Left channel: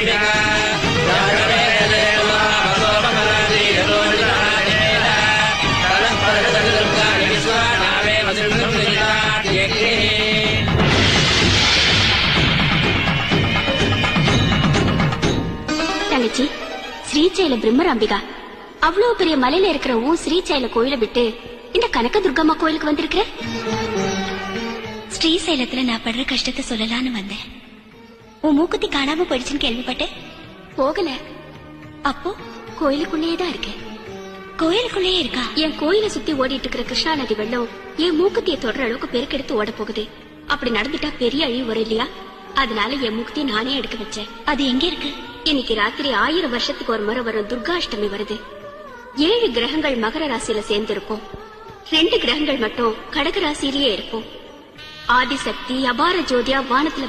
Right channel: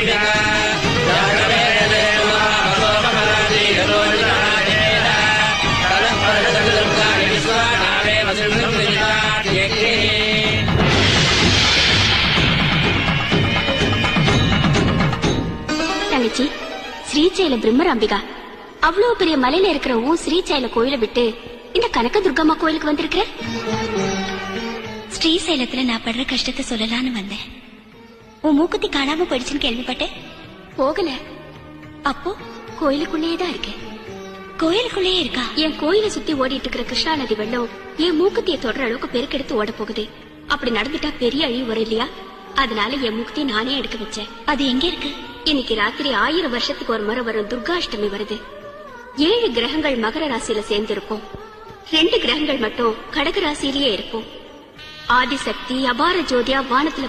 தங்கச்சி, ஸ்ரீசைல பிரம்மராம்பிகா அவ்வளவு பெரிய மலையில இருக்கிற ஸ்ரீசைல கோயிலை விட்டு இந்த கனக துர்கம்மா கோயிலுக்கு வந்திருக்க. ஸ்ரீசைலத்துல நான் படுற கஷ்டத்தை சொல்லலான்னு வந்தேன். உன் மூக்குத்தி காணாம போயிடுச்சுன்னு கேள்விப்பட்டேன். போகல, அப்போ கோயிலுக்குள்ளேயேதான் இருக்கேன். கோயிலுக்குள்ளே இருக்கா? என் கோயிலை சுத்தி ஓடிட்டு இருக்கிற கிருஷ்ணா நதி வெள்ளம் என் மூக்குத்தியை தொடர அளவுக்கு பெருக்கெடுத்து ஓட போகுது. அப்படி நடந்துட்டா பெரிய அழிவு வரும் இல்லையா? அதனால என் மூக்குத்தி நானே எடுக்க வச்சேன். அது எங்க இருக்கு? இன்னைக்கு ராத்திரி 1000 வருஷத்துக்கு ஒரு முறை வரும் துர்காஷ்டமி வருது. 7 கிரகங்கள் மகர ராசியில சேர்ந்திருக்கும். 2 கிரகங்கள் மட்டும் கடக ராசியிலேயே இருக்கும். ஆதிசக்தி அபார ஜோதியா வானத்துல